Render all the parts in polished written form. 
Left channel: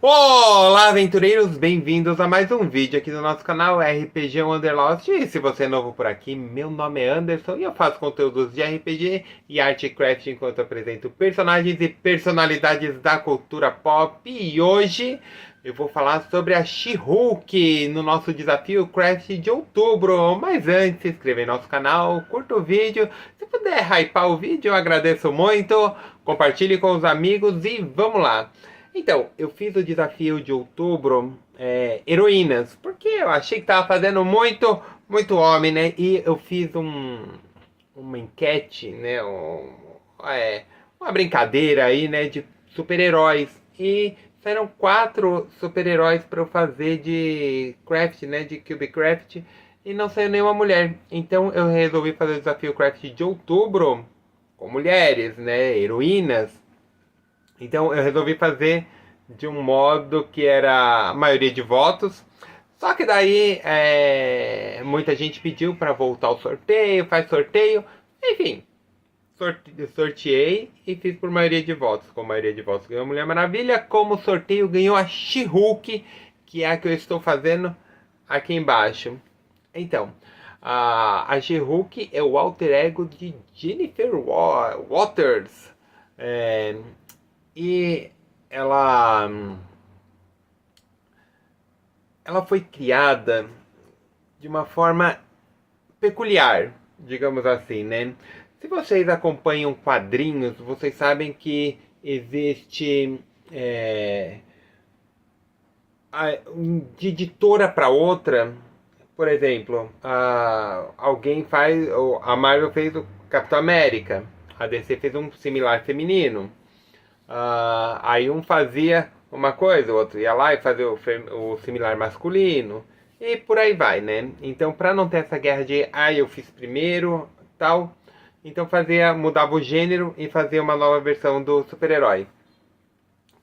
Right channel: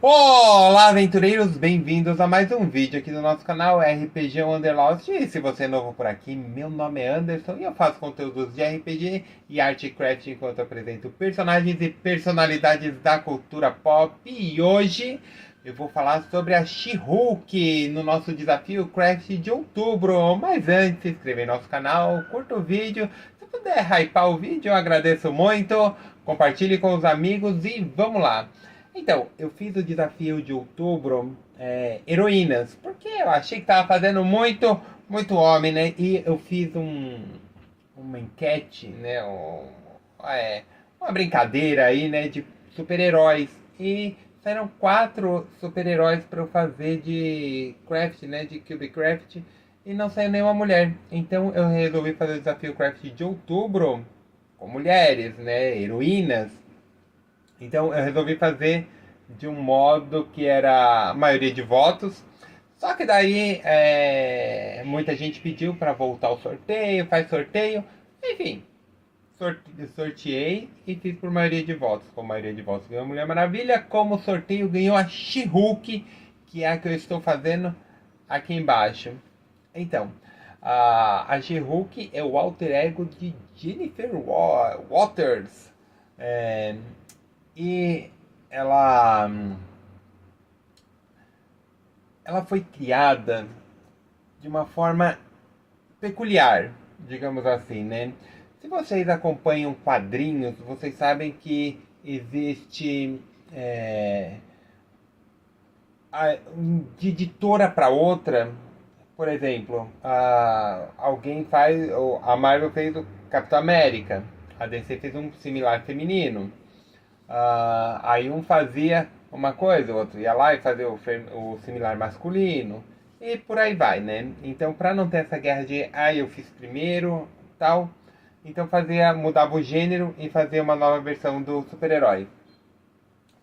Olá, aventureiros! Bem-vindos a mais um vídeo aqui do nosso canal RPG Wanderlost. E se você é novo por aqui, meu nome é Anderson e eu faço conteúdos de RPG e Artcraft enquanto apresento personagens e personalidades da cultura pop. E hoje eu vou falar sobre a She-Hulk no nosso desafio Craft de outubro. Mas antes, se inscreva em nosso canal, curta o vídeo. Se puder hypar o vídeo, eu agradeço muito. Compartilhe com os amigos e vamos lá! Então, eu fiz o desafio de outubro, heroínas, porque eu achei que tava fazendo muito homem, né? E eu fiz uma enquete, né? Uma brincadeira aí, né? De super-heróis. E saíram 4 super-heróis para eu fazer de craft, né? De Cubecraft. E não saiu nenhuma mulher. Então eu resolvi fazer o desafio craft de outubro com mulheres, né? Heroínas. Então eu resolvi fazer de um modo que era a maioria de votos. Só que daí muita gente pediu para voltar ao sorteio, faz sorteio. Enfim, sorteei e fiz por maioria de votos. Com maioria de votos ganhou a Mulher Maravilha. Como sorteio ganhou a She-Hulk, que é a que eu estou fazendo aqui embaixo. Então, a She-Hulk é o alter ego de Jennifer Waters. É, e ela, ela foi criada de uma forma peculiar, digamos assim, né? Se vocês acompanham quadrinhos, vocês sabem que existe de editora para outra. Por exemplo, alguém faz, a Marvel fez o Capitão América, a DC fez um similar feminino. Aí um fazia uma coisa, o outro ia lá e fazia o similar masculino. E por aí vai, né? Então, para não ter essa guerra de, eu fiz primeiro, tal, então mudava o gênero e fazia uma nova versão do super-herói.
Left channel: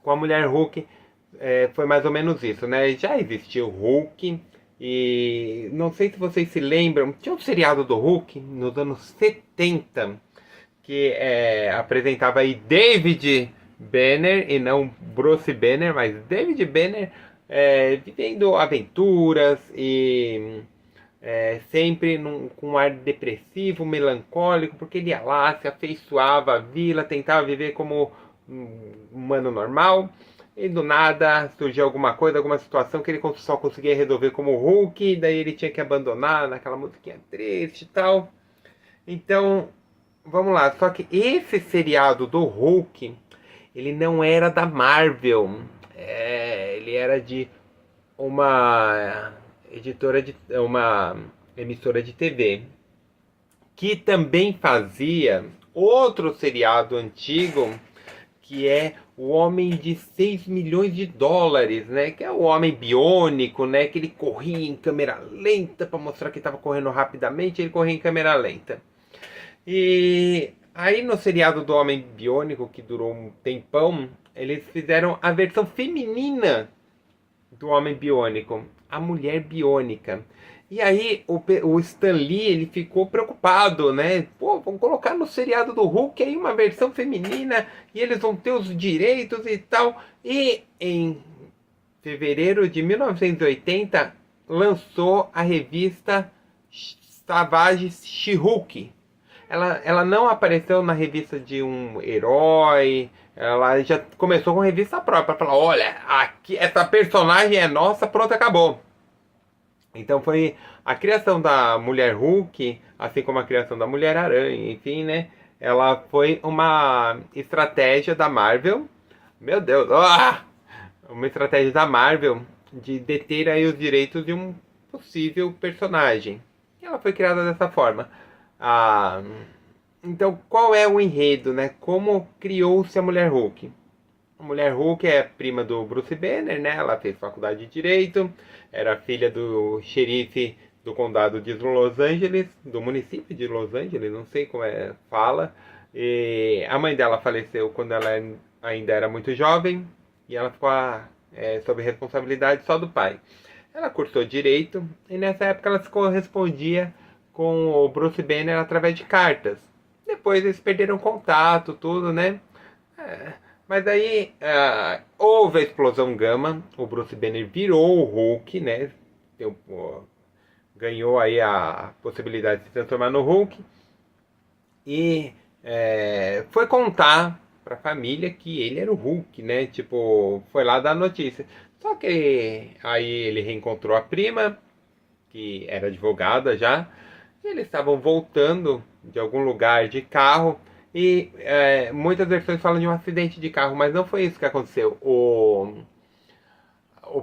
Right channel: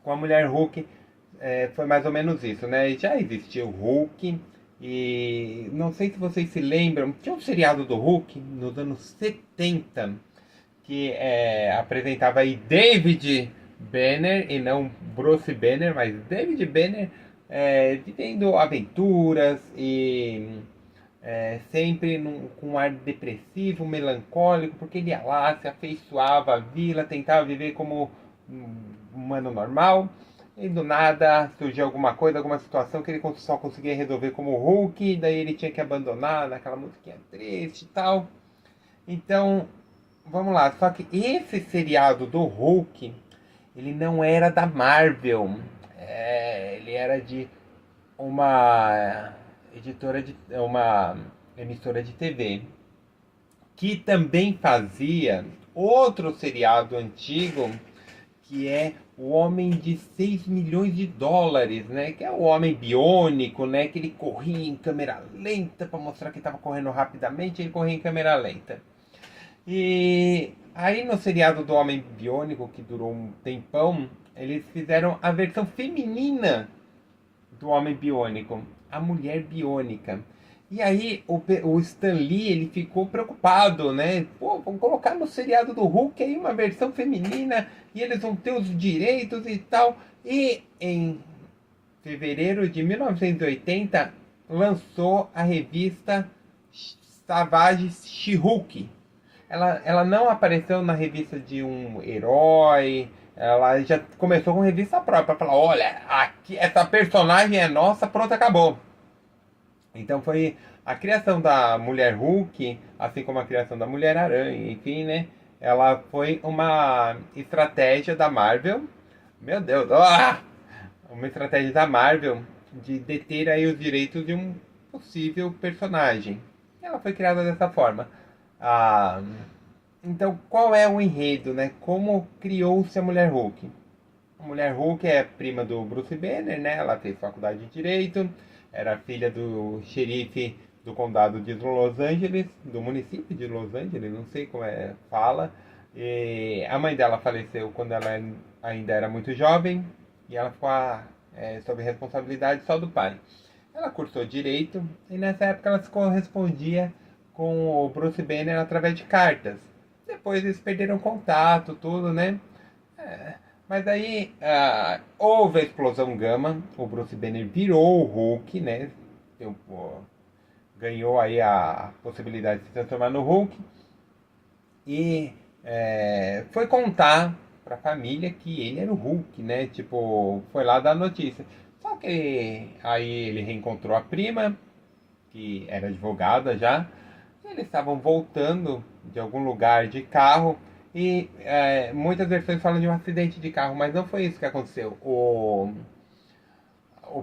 Com a mulher Hulk, foi mais ou menos isso, né? Já existiu o Hulk, e não sei se vocês se lembram, tinha um seriado do Hulk nos anos 70 que apresentava aí David Banner, e não Bruce Banner, mas David Banner vivendo aventuras e sempre com um ar depressivo, melancólico, porque ele ia lá, se afeiçoava à vila, tentava viver como um humano normal, e do nada surgiu alguma coisa, alguma situação que ele só conseguia resolver como Hulk, e daí ele tinha que abandonar naquela musiquinha triste e tal. Então, vamos lá. Só que esse seriado do Hulk, ele não era da Marvel. Ele era de uma uma emissora de TV que também fazia outro seriado antigo que é o Homem de 6 milhões de dólares, né? Que é o Homem Biônico, né? Que ele corria em câmera lenta para mostrar que estava correndo rapidamente, ele corria em câmera lenta. E aí no seriado do Homem Biônico, que durou um tempão, eles fizeram a versão feminina do Homem Biônico, a Mulher Biônica. E aí o Stan Lee, ele ficou preocupado, né? Pô, vão colocar no seriado do Hulk aí uma versão feminina e eles vão ter os direitos e tal. E em fevereiro de 1980 lançou a revista Savage She-Hulk. Ela não apareceu na revista de um herói. Ela já começou com revista própria. Falar, olha, aqui essa personagem é nossa, pronto, acabou. Então foi a criação da Mulher Hulk, assim como a criação da Mulher Aranha, enfim, né? Ela foi uma estratégia da Marvel. Meu Deus, uma estratégia da Marvel de deter aí os direitos de um possível personagem. E ela foi criada dessa forma. Ah, então, qual é o enredo, né? Como criou-se a Mulher Hulk? A Mulher Hulk é prima do Bruce Banner, né? Ela fez faculdade de Direito, era filha do xerife do condado de Los Angeles, do município de Los Angeles, não sei como fala. E a mãe dela faleceu quando ela ainda era muito jovem e ela ficou sob responsabilidade só do pai. Ela cursou Direito e nessa época ela se correspondia com o Bruce Banner através de cartas. Depois eles perderam contato, tudo, né? É, Mas aí houve a explosão gama, o Bruce Banner virou o Hulk, né? Ganhou aí a possibilidade de se transformar no Hulk e foi contar pra família que ele era o Hulk, né? Tipo, foi lá dar notícia. Só que aí ele reencontrou a prima, que era advogada já, e eles estavam voltando de algum lugar de carro. E muitas versões falam de um acidente de carro, mas não foi isso que aconteceu. O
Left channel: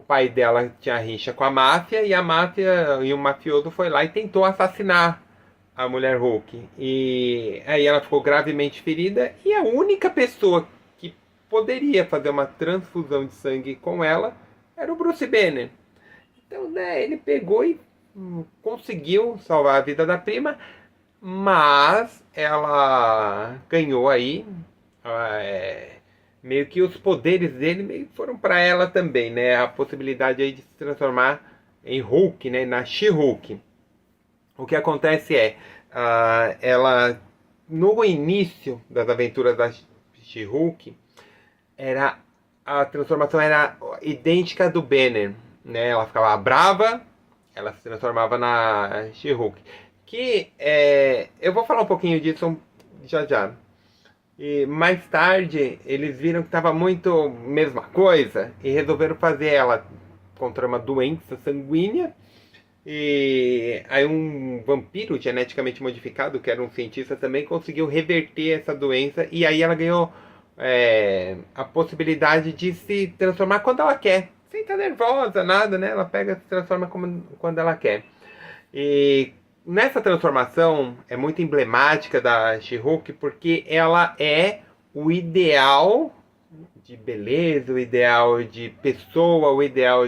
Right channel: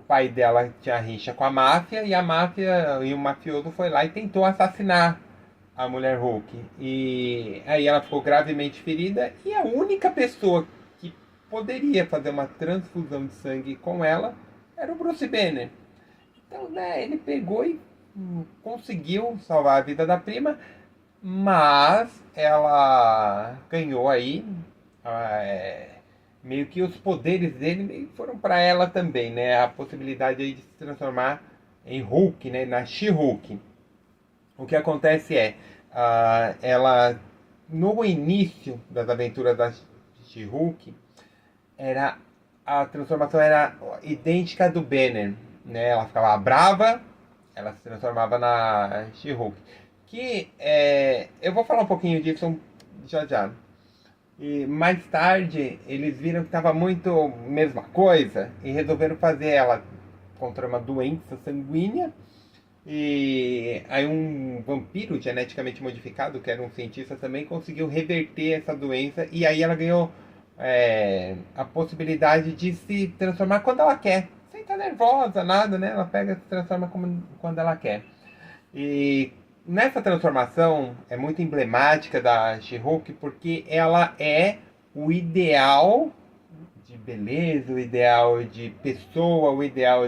pai dela tinha rixa com a máfia e a máfia e o mafioso foi lá e tentou assassinar a mulher Hulk. E aí ela ficou gravemente ferida e a única pessoa que poderia fazer uma transfusão de sangue com ela era o Bruce Banner. Então, né, ele pegou e conseguiu salvar a vida da prima, mas ela ganhou aí meio que os poderes dele meio que foram para ela também, né? A possibilidade aí de se transformar em Hulk, né? Na She-Hulk. O que acontece é, ela no início das aventuras da She-Hulk, era a transformação era idêntica à do Banner, né? Ela ficava brava, ela se transformava na She-Hulk. Que eu vou falar um pouquinho disso já já. E mais tarde eles viram que estava muito mesma coisa e resolveram fazer ela contra uma doença sanguínea. E aí um vampiro geneticamente modificado, que era um cientista também, conseguiu reverter essa doença e aí ela ganhou a possibilidade de se transformar quando ela quer. Sem estar nervosa, nada, né? Ela pega e se transforma quando ela quer. E nessa transformação é muito emblemática da She-Hulk porque ela é o ideal de beleza, o ideal de pessoa, o ideal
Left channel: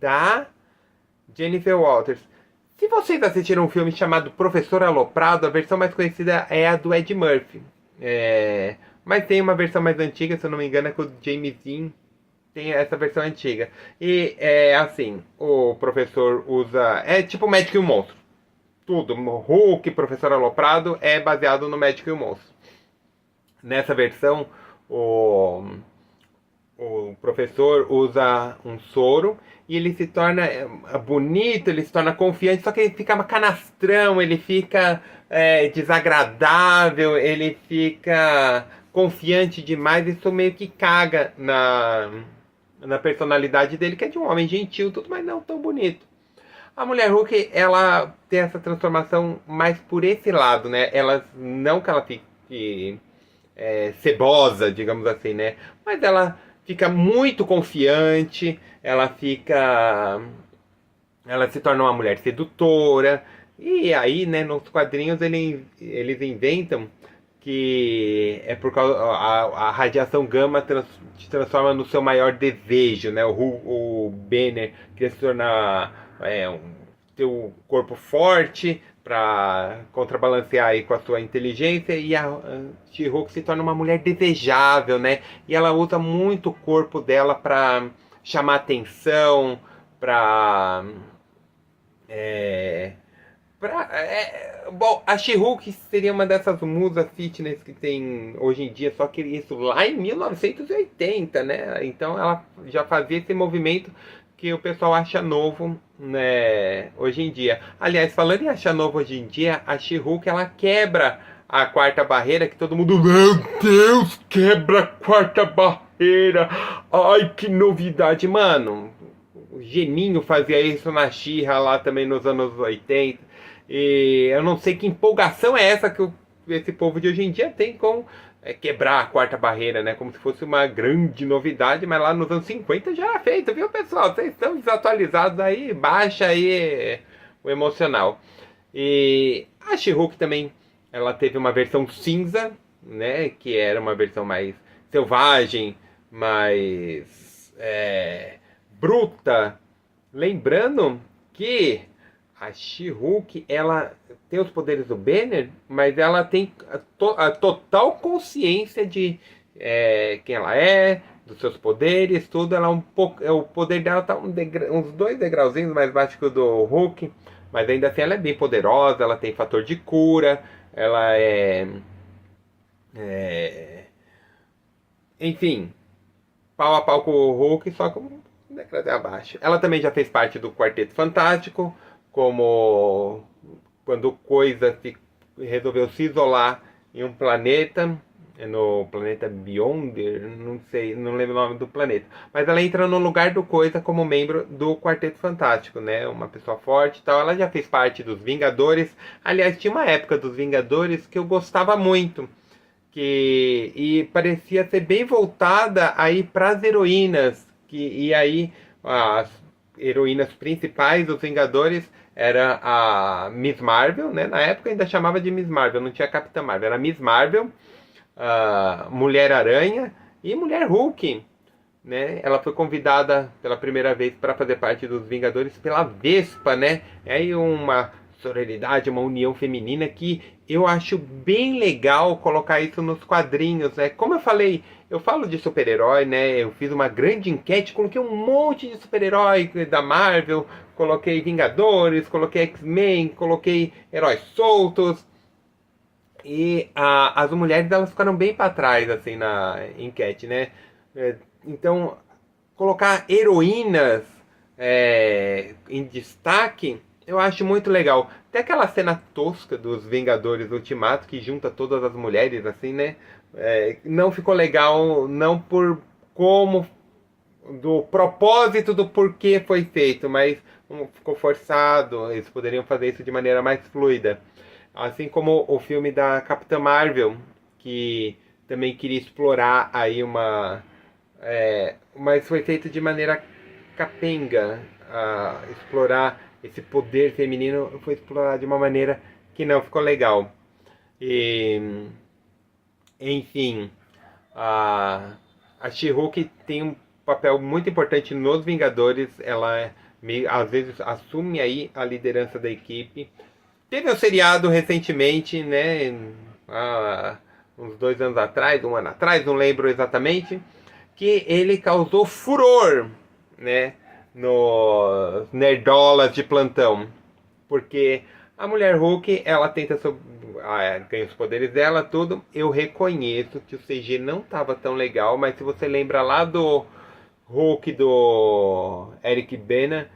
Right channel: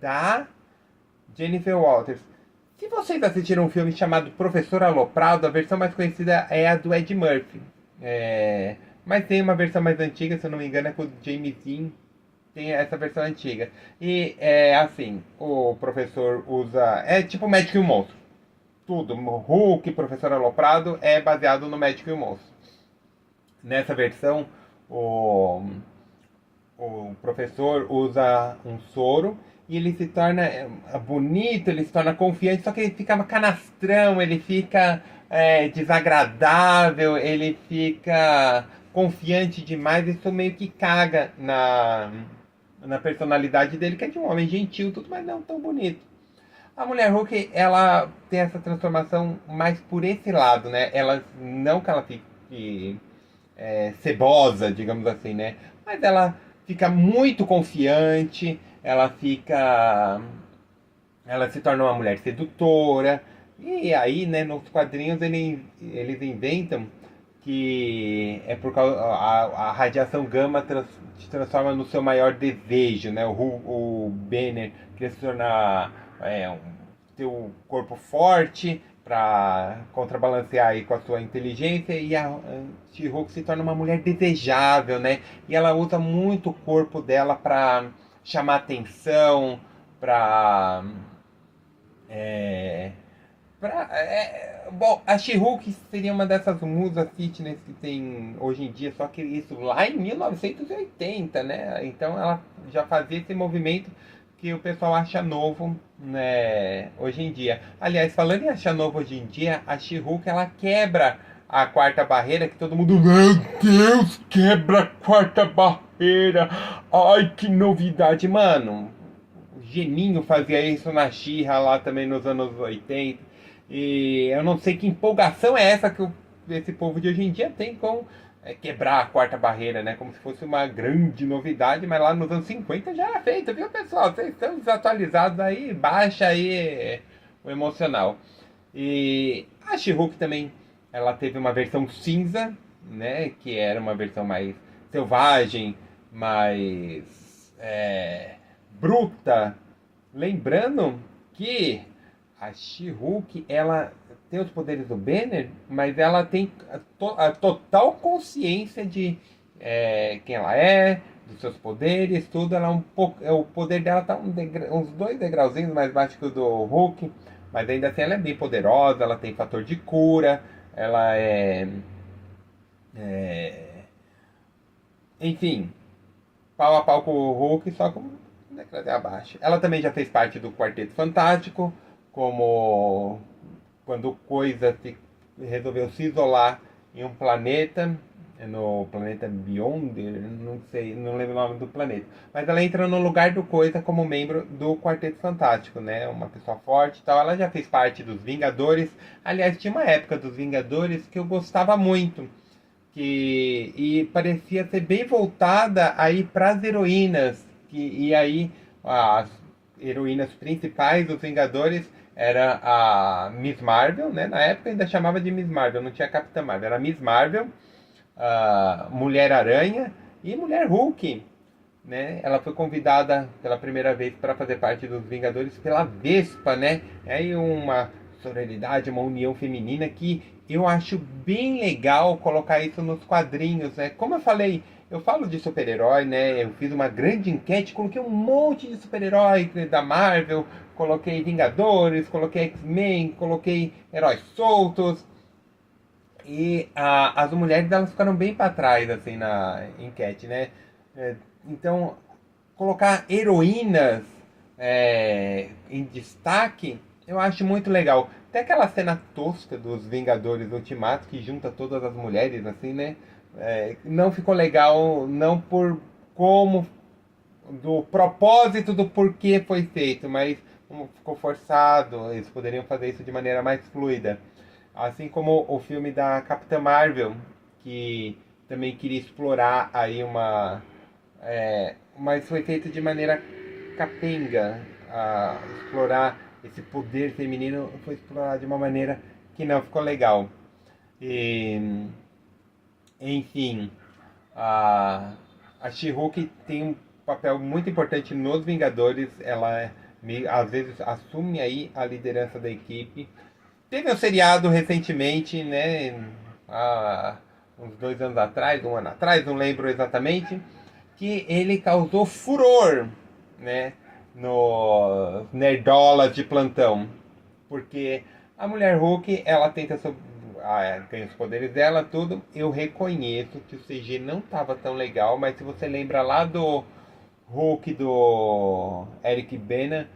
da Jennifer Walters. Se vocês assistiram um filme chamado Professor Aloprado, a versão mais conhecida é a do Ed Murphy. Mas tem uma versão mais antiga, se eu não me engano, é com o James Dean. Tem essa versão antiga. E é assim, o professor usa... É tipo Médico e o Monstro. Tudo, Hulk, Professor Aloprado, é baseado no Médico e o Monstro. Nessa versão, o professor usa um soro e ele se torna bonito, ele se torna confiante, só que ele fica canastrão, ele fica desagradável, ele fica confiante demais, isso meio que caga na personalidade dele, que é de um homem gentil, tudo, mas não tão bonito. A mulher Hulk, ela tem essa transformação mais por esse lado, né? Ela, não que ela fique cebosa, digamos assim, né? Mas ela fica muito confiante, ela se torna uma mulher sedutora. E aí, né, nos quadrinhos eles inventam que é por causa a radiação gama te transforma no seu maior desejo, né? O Banner queria se tornar ter o corpo forte para contrabalancear aí com a sua inteligência e a She-Hulk se torna uma mulher desejável, né? E ela usa muito o corpo dela para chamar atenção, para bom, a She-Hulk seria uma dessas musas fitness que tem hoje em dia, só que isso lá em 1980, né? Então ela já fazia esse movimento que o pessoal acha novo, né, hoje em dia. Aliás, falando em achar novo hoje em dia, a She-Hulk ela quebra a quarta barreira que todo mundo, meu Deus, quebra a quarta barreira. Ai, que novidade, mano. O Geninho fazia isso na She-Ra lá também nos anos 80. E eu não sei que empolgação é essa que esse povo de hoje em dia tem com quebrar a quarta barreira, né? Como se fosse uma grande novidade, mas lá nos anos 50 já era feito, viu, pessoal? Vocês estão desatualizados aí, baixa aí o emocional. E a She-Hulk também, ela teve uma versão cinza, né? Que era uma versão mais selvagem, mais bruta. Lembrando que a She-Hulk, ela tem os poderes do Banner, mas ela tem a total consciência de quem ela é, dos seus poderes, tudo. Ela o poder dela tá uns 2 degrauzinhos mais baixo que o do Hulk, mas ainda assim ela é bem poderosa, ela tem fator de cura, ela é enfim, pau a pau com o Hulk, só com degrau abaixo. Ela também já fez parte do Quarteto Fantástico, como quando Coisa resolveu se isolar em um planeta, no planeta Beyonder, não sei, não lembro o nome do planeta. Mas ela entra no lugar do Coisa como membro do Quarteto Fantástico, né? Uma pessoa forte e tal. Ela já fez parte dos Vingadores. Aliás, tinha uma época dos Vingadores que eu gostava muito. E parecia ser bem voltada aí para as heroínas. E aí as heroínas principais dos Vingadores era a Miss Marvel, né? Na época ainda chamava de Miss Marvel, não tinha Capitã Marvel, era Miss Marvel, a Mulher-Aranha e Mulher Hulk, né? Ela foi convidada pela primeira vez para fazer parte dos Vingadores pela Vespa, né? É aí uma sororidade, uma união feminina que eu acho bem legal colocar isso nos quadrinhos, né? Como eu falei, eu falo de super-herói, né? Eu fiz uma grande enquete, coloquei um monte de super-herói da Marvel, coloquei Vingadores, coloquei X-Men, coloquei heróis soltos. E as mulheres elas ficaram bem para trás assim na enquete, né? Então colocar heroínas em destaque eu acho muito legal. Tem aquela cena tosca dos Vingadores Ultimato que junta todas as mulheres assim, né? Não ficou legal, não por como do propósito do porquê foi feito, mas ficou forçado. Eles poderiam fazer isso de maneira mais fluida. Assim como o filme da Capitã Marvel, que também queria explorar aí mas foi feito de maneira capenga. Explorar esse poder feminino foi explorado de uma maneira que não ficou legal. E, enfim, a She-Hulk tem um papel muito importante nos Vingadores. Ela às vezes assume aí a liderança da equipe. Teve um seriado recentemente, né? Uns 2 anos atrás, um ano atrás, não lembro exatamente, que ele causou furor, né? Nos nerdolas de plantão. Porque a mulher Hulk, ela tenta ganha os poderes dela, tudo. Eu reconheço que o CG não estava tão legal, mas se você lembra lá do Hulk do Eric Bana,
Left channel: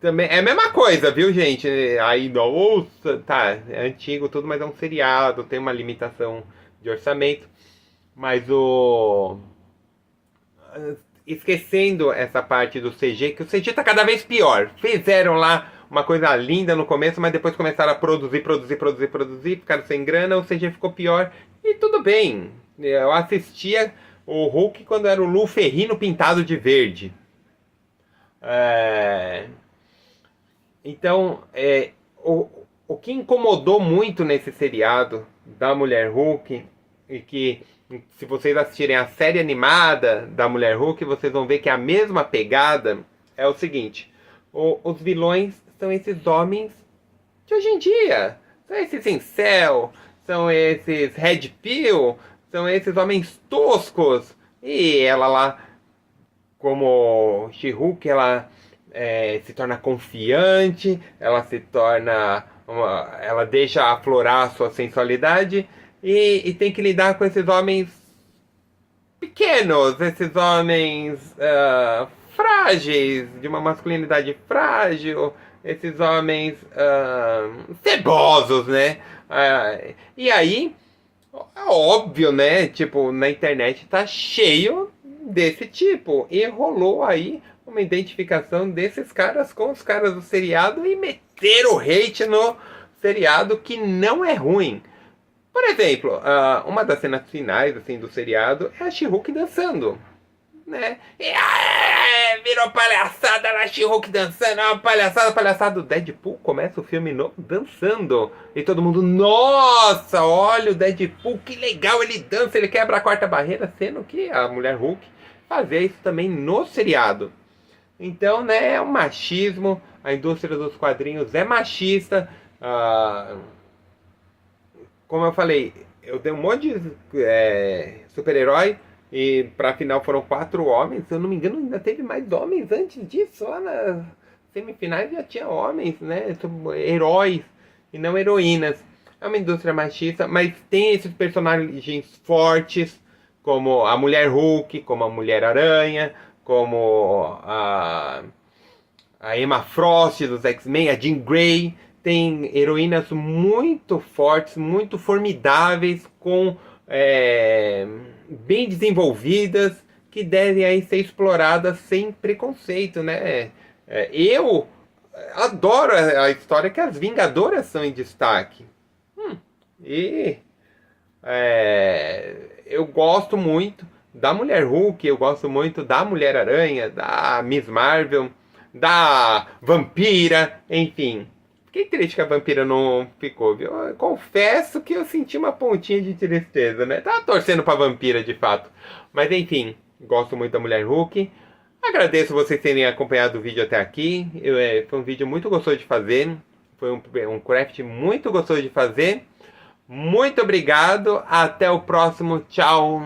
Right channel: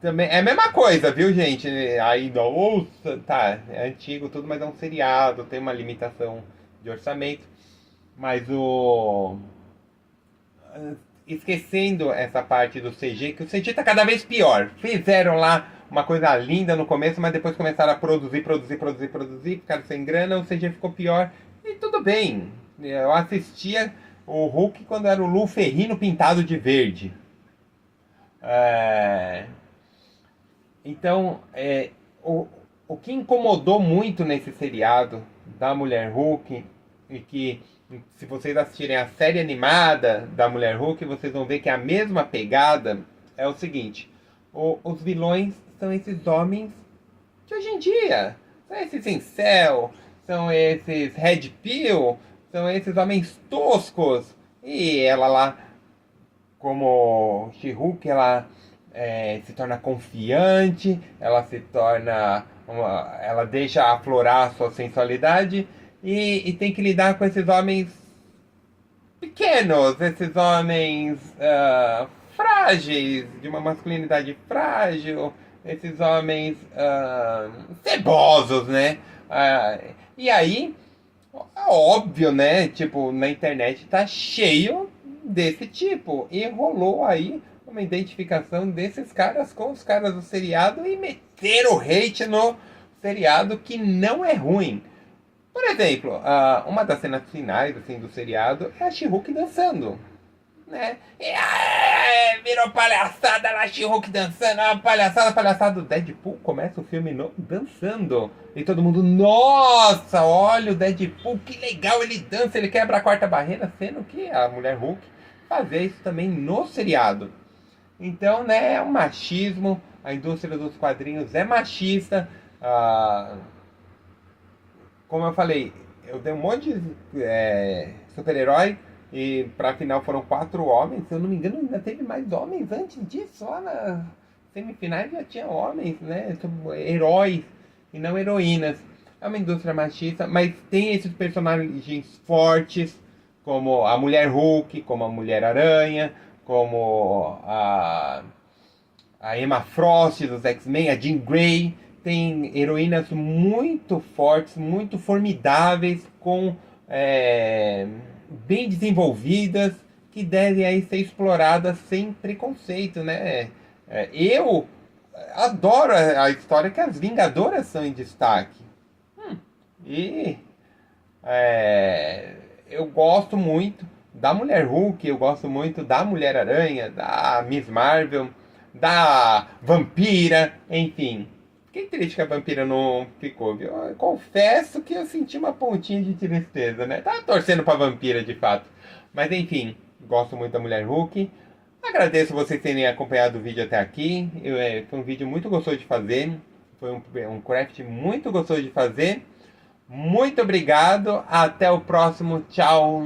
também é a mesma coisa, viu, gente? Aí, nossa, tá, é antigo tudo, mas é um seriado, tem uma limitação de orçamento. Mas esquecendo essa parte do CG, que o CG tá cada vez pior. Fizeram lá uma coisa linda no começo, mas depois começaram a produzir, ficaram sem grana, o CG ficou pior. E tudo bem. Eu assistia o Hulk quando era o Lu Ferrino pintado de verde. É... Então, o que incomodou muito nesse seriado da Mulher Hulk, e que se vocês assistirem a série animada da Mulher Hulk, vocês vão ver que a mesma pegada é o seguinte: os vilões são esses homens de hoje em dia. São esses incel, são esses red pill, são esses homens toscos. E ela lá, como She-Hulk, ela se torna confiante, ela se torna ela deixa aflorar a sua sensualidade e tem que lidar com esses homens pequenos, esses homens frágeis, de uma masculinidade frágil, esses homens cebosos, né? E aí, é óbvio, né? Tipo, na internet tá cheio desse tipo. E rolou aí uma identificação desses caras com os caras do seriado e meteram o hate no seriado que não é ruim. Por exemplo, uma das cenas finais assim, do seriado é a She-Hulk dançando. Né? Virou palhaçada lá, She-Hulk dançando, uma palhaçada do Deadpool, começa o filme dançando, e todo mundo, nossa, olha o Deadpool, que legal, ele dança, ele quebra a quarta barreira, sendo que a Mulher Hulk fazia isso também no seriado. Então, né, é um machismo, a indústria dos quadrinhos é machista, como eu falei, eu dei um monte de super-herói, e pra final foram 4 homens. Se eu não me engano, ainda teve mais homens antes disso. Lá nas semifinais já tinha homens, né? Heróis e não heroínas. É uma indústria machista, mas tem esses personagens fortes, como a Mulher Hulk, como a Mulher Aranha, como a Emma Frost dos X-Men, a Jean Grey. Tem heroínas muito fortes, muito formidáveis, bem desenvolvidas, que devem aí ser exploradas sem preconceito, né? Eu adoro a história que as Vingadoras são em destaque. E eu gosto muito da Mulher Hulk, eu gosto muito da Mulher Aranha, da Miss Marvel, da Vampira, enfim. Fiquei triste que a Vampira não ficou, viu? Eu confesso que eu senti uma pontinha de tristeza, né? Tava torcendo pra Vampira, de fato. Mas enfim, gosto muito da Mulher Hulk. Agradeço vocês terem acompanhado o vídeo até aqui. Foi um vídeo muito gostoso de fazer. Foi um craft muito gostoso de fazer. Muito obrigado. Até o próximo. Tchau.